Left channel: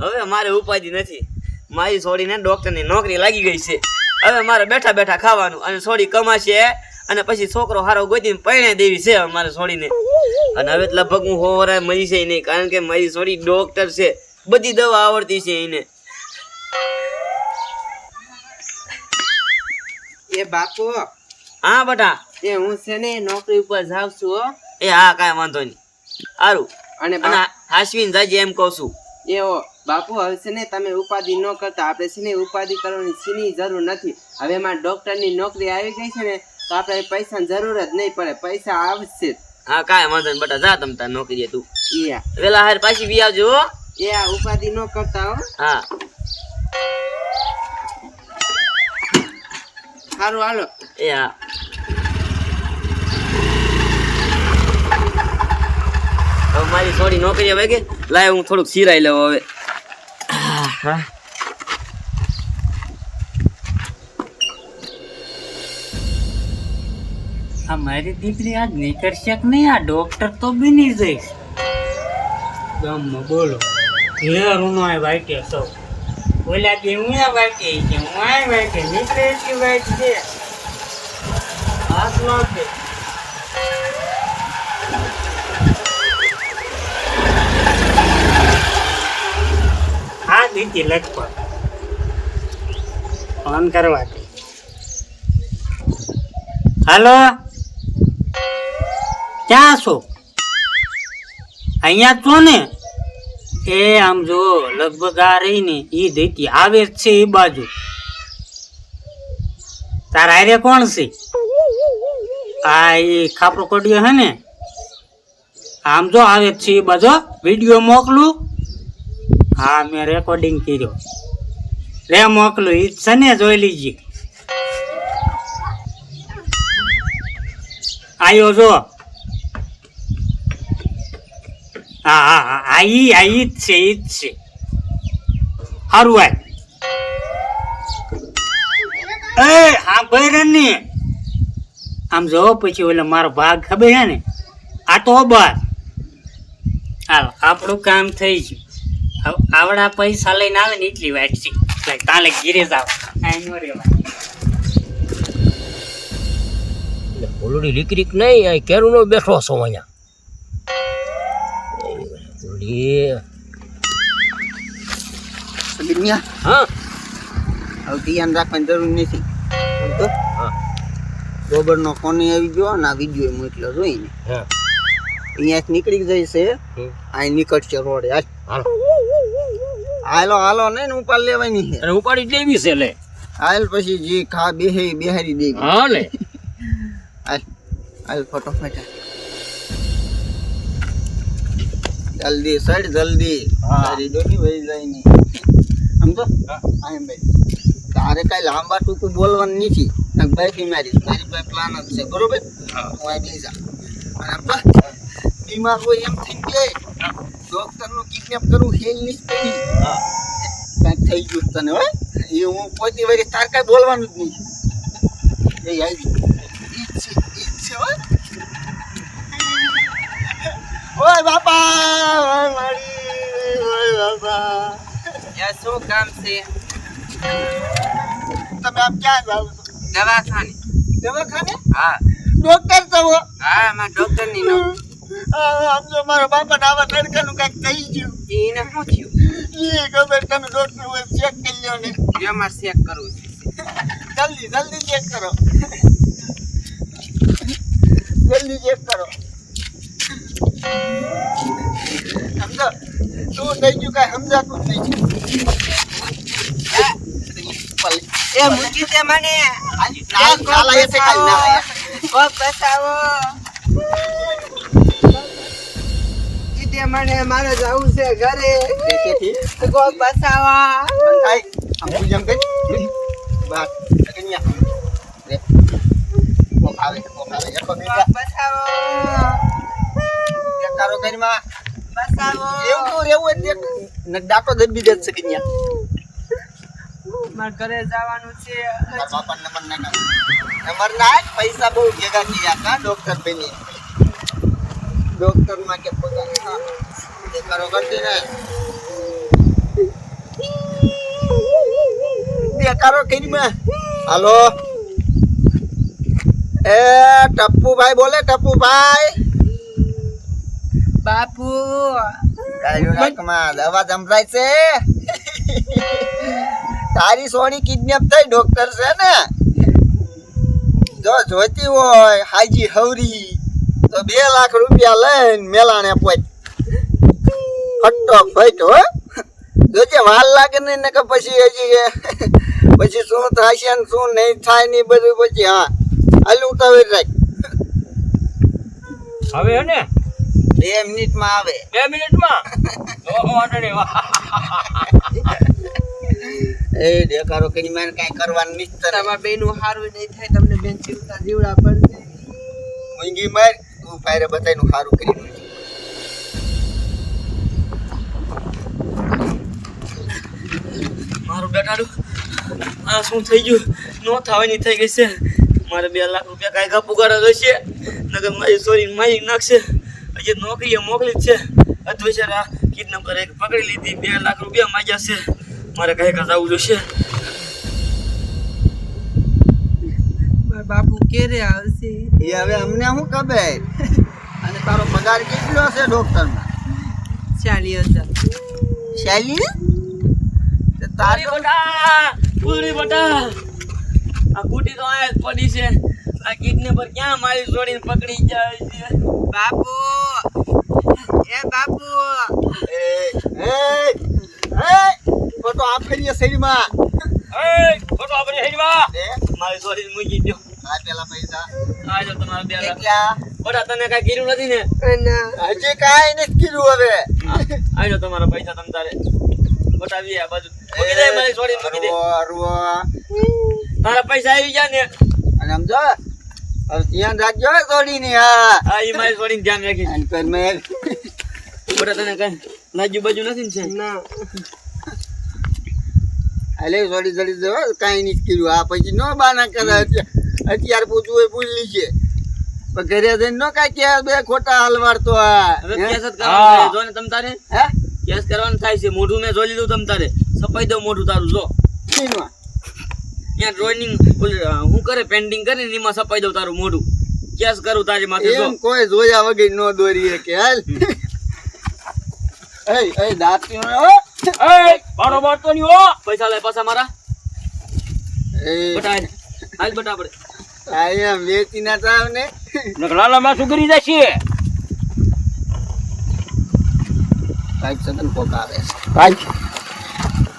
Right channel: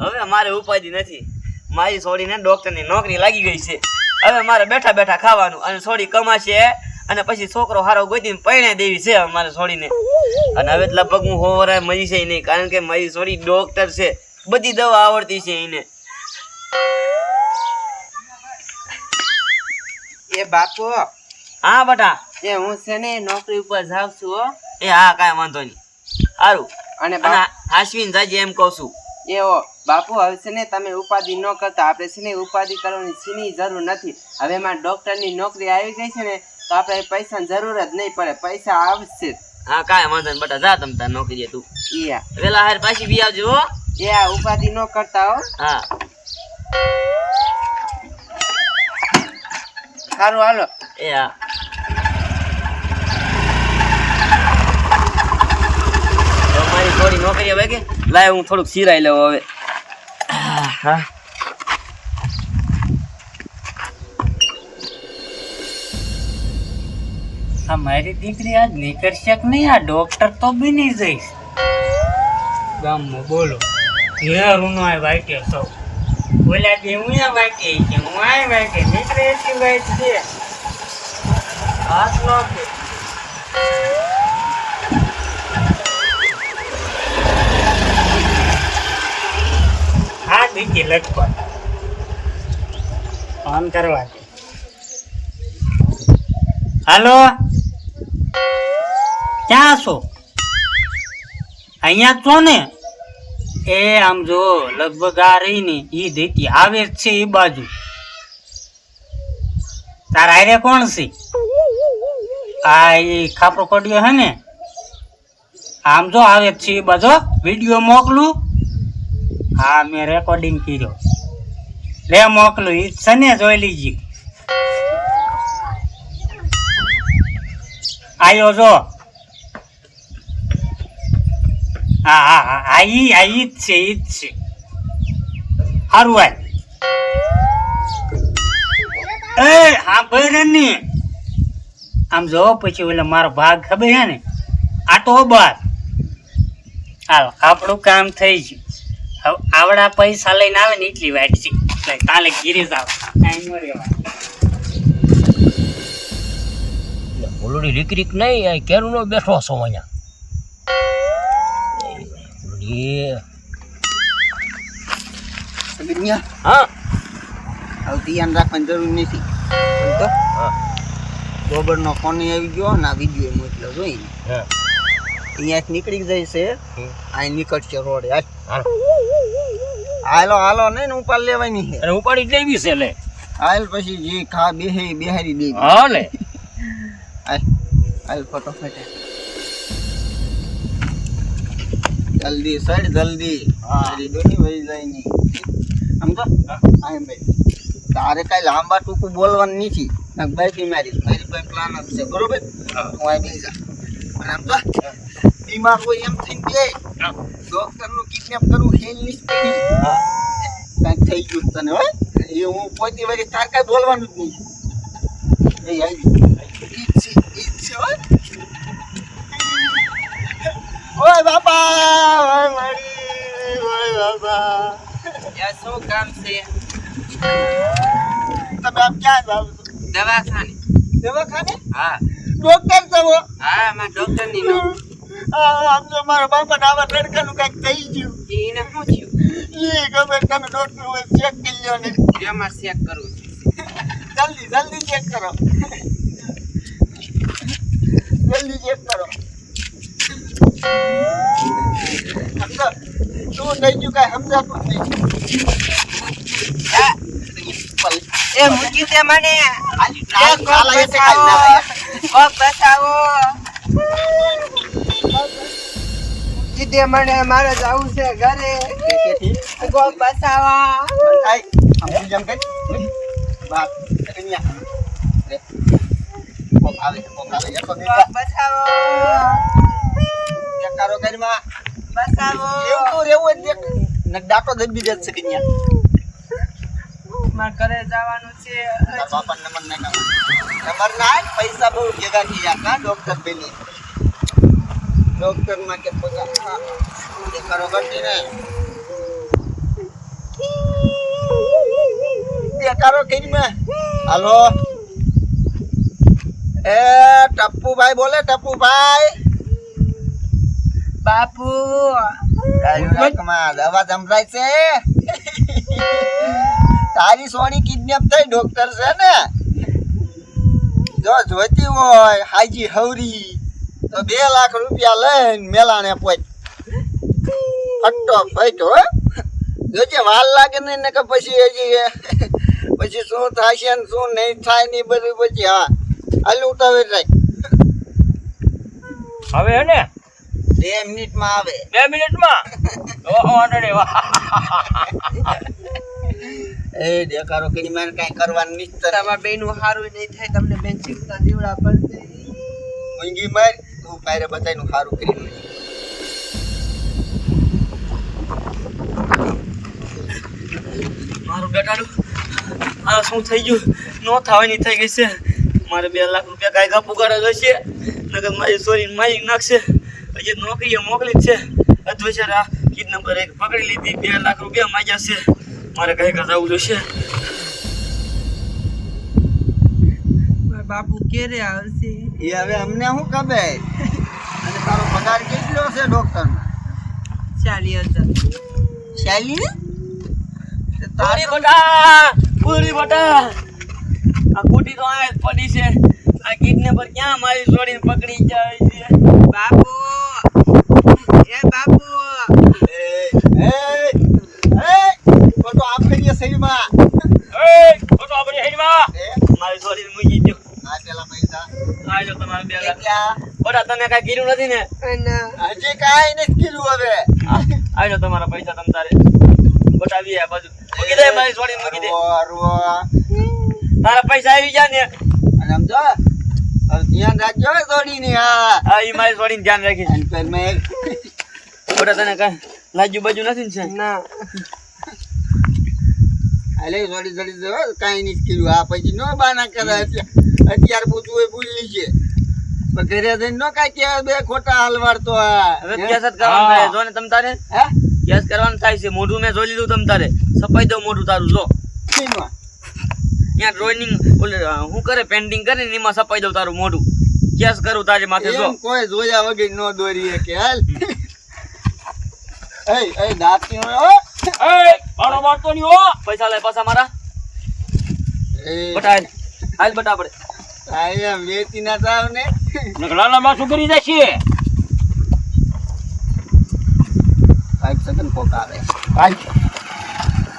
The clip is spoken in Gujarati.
હવે મારે ઉપાધિ નથી. મારી છોડીને ડોક્ટરની નોકરી લાગી ગઈ છે. હવે મારે બેઠા બેઠા ખાવાનું અને છોડી કમાશે અને પછી છોકરો હારો ગોતીને પરણે દેવી છે મારે છોડીને. અને હવે લગભગ હું હોવરાય મરી છે નહીં, કારણ કે મારી છોડી ડોક્ટર છે, બધી દવા આવડતી છે એને. એ બાપુ, હા બટા. એ હું છે ને નોકરી ઉપર જાઉં છું હો. એ હા, કાંઈ વાંધો નહીં. સારું. અને હાસવીને જાજે એમ કહું છું. એવો બાપુ, હવે છે ને તમે ઉપાધિ ન કરતા. આપણે છે ને ઉપાધિ કરવાની સીની જરૂર નથી. હવે મારા ડોક્ટરની નોકરી આવી ગઈ છે ને, તો આપણે પૈસાની જરૂર જ નહીં પડે. પૈસા આવશે. હા, કાંઈ વાંધો નહીં બટા, જા તમ તાર નોકરીએ તું. યા વેલા હાર પાછી બી આવજો હો. એ આ ઉપાધિ ન કરતા હો. હા સારું, હાલો. એ હા. તો મારી થોડી નોકરી હવે કે લાય, હું થોડુંક સિરાઈ લઉં હવે. હા, મારી દીકરી આજ નીકળશે કે નહીં? આ ડોક્ટર તો બની જઈશ ગામમાં. બોલો ઘેરું નો વાઈટે સૌ બોલ્યા કે હું વાઈટે છે, હું આ વાઈટે નીકળે એટલી વાઈટ છે. હાથ નો છે. હા દીધી લગભગ ફોન કરવા દે. હાલો, ક્યાં છો? અહીંયા છો ને? એ આમ જો લગભગ આ રહી ને એ દેતી આવે જ છે એ બાજુ. તારા હારે કોણ છે? આ એ ખાપરો કોડિયો હે ને? આમ જો આવે જ છે એ બાજુ. વિડીયો મોકલું? હા, મેં રેકોર્ડિંગ કર્યો. લે મોકલું, એ છે ને, જોઈ લીજી. આયો જો. હા હા હા, ઈ જ છે, ઈ જ છે. સારું આય. એ હા ભાઈ ને આમ જો, પછી ઓલે મારો ભાગ ખબર છે ને, આ તો બસ હાલ આપણું કામ થઈ ગયું. હવે આવડા પૈસા લઈને આવે ને એટલી વાત છે. તાલે ઘીરે જાવ, કાંઈ ન રેવાય. ઓલડી રીક નહીં, અહીં કેરું નો બેઠો છો અહીંયા. હા, હવે ધ્યાન રાખવાની જરૂર નથી. તો ગોબરનો ફોન આવી ગયો ને, આ વિડીયો મોકલ્યો જોઈને અહીંયાથી નીકળી જાય છે. અહીં નીકળશે રોડે. હાલો હાલો નહીં ને ઉપાડ લેવાની છે. અને ઉપાડી જ લેવી છે. લે હાલ પછી જે ખા બેહારી દેવી. હા લે હાલ ફટોફટ જલ્દી સડ જલ્દી. તારી ડોની વહી જાય નહીં. સમજો? આમ ભાઈ તારે કઈ લાંબા ટૂંકું બોલવાનું નથી. બાઈક મારી પાસે પ્લાન જ છે, બરોબર? હું આ બેસી જા. અને સમજો, બીમાર હોય એમ થઈને કે ડોક્ટર નું કિડનેપ કરવું હેલ ની પડી. કાંઈક થઈ ગયું તને હોય એ હું પોતી વળી તાર કાંઈ બોલવાનું જ નહીં. એ આવી ઈ છે હોય. ઓય બાપા, ઓય મારી, ઓય બાપા. યાર શું કામ છે? તમે આમ ક્યાં જાવ છો? દવાખાને. દવાખાને? હા. ડોક્ટર છો? હા, માં ડોક્ટર ની આમ તો મારા બાપા આવા તડકાનું કાંઈક થઈ ગયું. એને શું થયું? એ ખબર, તમે ડોક્ટર હોય ચેક કરી લ્યો ને. એમાં ચેક કરવું છે. જલ્દી જલ્દી ચેક કરો. જલ્દી ચેક કરો. સમજો શું થઈ ગયું? કાંઈ સમજાતું જ નહીં. એ મૂકી દે મને. બતાવો કીધે મને, મારે જવું છે ઘરે. કોક બસાવા. આમ પૂજમ કઈ વાત કન્યા રે. કોક આવે એકો બસાવો. દેખારો ઘરમાં બસાવો. એવું રેવું જ દેખ ન ડાકો દબી દે છે કન્યા. માર ઘરે જવાનું છે. બાપા નંબર ના પૈસા બહુ ભેગા કર્યા કા ડોક્ટર બની. ડોક્ટર માં કે પગાર દેખારો કરતી ને દેખાડો કીધમાં. હાલો એ ટપ્પુભાઈ બોલે, ટપ્પુભાઈ. બાપુ કાંઈ નાકમાં દવા સંભળાય છે. તારી સોની કિડનેપ થઈ, ડોક્ટર છે ને. જો જોઈતી હોય હાજી હવરી તો 2 લાખ રૂપિયા લઈને મેલાણે પહોંચ. ફટો ફટ હો. જોજે વાર લાગે ને કે પછી હજી પછી શું થશે ને શું નહીં થાય ને બધું પછી. હા હાલ ઉતાવળ રાખ. હવે હે ને 2 મિનિટમાં આવે. 2 મિનિટમાં ઓહો અડડે વાહ એ દેખાડો કે મને કાંઈ કરવાનું નહીં. તમારા બેનું હારું નહીં થાય, તમને બેન જીવતા જીવડા પડશે. મૂંગી માર તું ફાયરે બધાયનું સારું કરી દે. મારું બેટાડું આ શું થઈ ગયું? નો થવાની થઈ ગઈ છે. મારે 2 લાખ રૂપિયા કાંઈ કાપુ કરે જોઈશે, નકર મારી સોરી મારી નાખશે. હજી નોકરીએ મોકલી જ છે. અધ્વૈચારા કિડનેપર એક પકડી લીધી, 2 લાખ રૂપિયા માંગ્યા છે. મારે કઈ જવું જોઈશે. બાપુ ક્યારે આવશે? એ હવે અમને શું ખબર. અને તારો પગાર કેટલો છે ડોક્ટરમાં? 40,000. શાલી તારી બટા પૂરી બટા આ કુટી તો આ જ પડી છે. આ કિડનેપર ક્યાં મારી છોડીને પકડી જાય છે? બાપુ એ બાપુ એ એ એ ફોટો આ ફેરીએ શરીરમાં. એ ફોટો આપણી હેડમાં મારી છોડીને મૂકી દો. આ પેલા પૈસા આ જો તમારા 2 લાખ. કેટલા? બટા તને કાંઈ કીધું નથી ને? હજી કાંઈ નથી કીધું. હવે આ જો તમારા પૈસા તમ તારે બટાવી આ બાજુ મૂકી દે. મારી છોડીને મૂકી દે. અરવો. તારા પૈસા આવી ગયા ને? અને આમ જો હવે ધ્યાન રાખજો થોડીની. હા આ ઈ મારી છોડીને ધ્યાન રાખીશ. અને પેલ મેલ બટા તને કાંઈ લાજુ બાજુ નથી ને સાહેબ? ના હાલે થોડી થોડી જો કાંઈ નથી કીધું. આ પછી નો બાના કરે. અત્યારે પૂછવું હોય ભૂલી છે પણ ઘરે જઈને નો કાંઈ કે 2 ખોટા હલવાડતો. હવે કેસ જ કરવાનું થાય જો ને તમ તારે. હે કેસ કરવાનું થાય છે. મોઢું મેં જોઈ લીધું તમ તારે. સપાઈ દઉં મોઢું તારું જો. શીમાં? ત્યાં ડ્રોઈંગ હું કરે પેન્ટિંગ કરે ને એમાં સપાઈ દઉં તારું મોઢું. કેસ કરું તારી માથે જો. એમ કોઈ જોયા વગર નો દોરીએ કે હાલ. એ દાંતી એ મારો બાતો ની હો પૈસા લે પાછા મારા. એ બટા હાલ બટા આપણે. આયા વેચી ના થાવ ને. નકલાલા માં શું કરી જશે? કાંઈક સગન કોક આવે. કાંઈક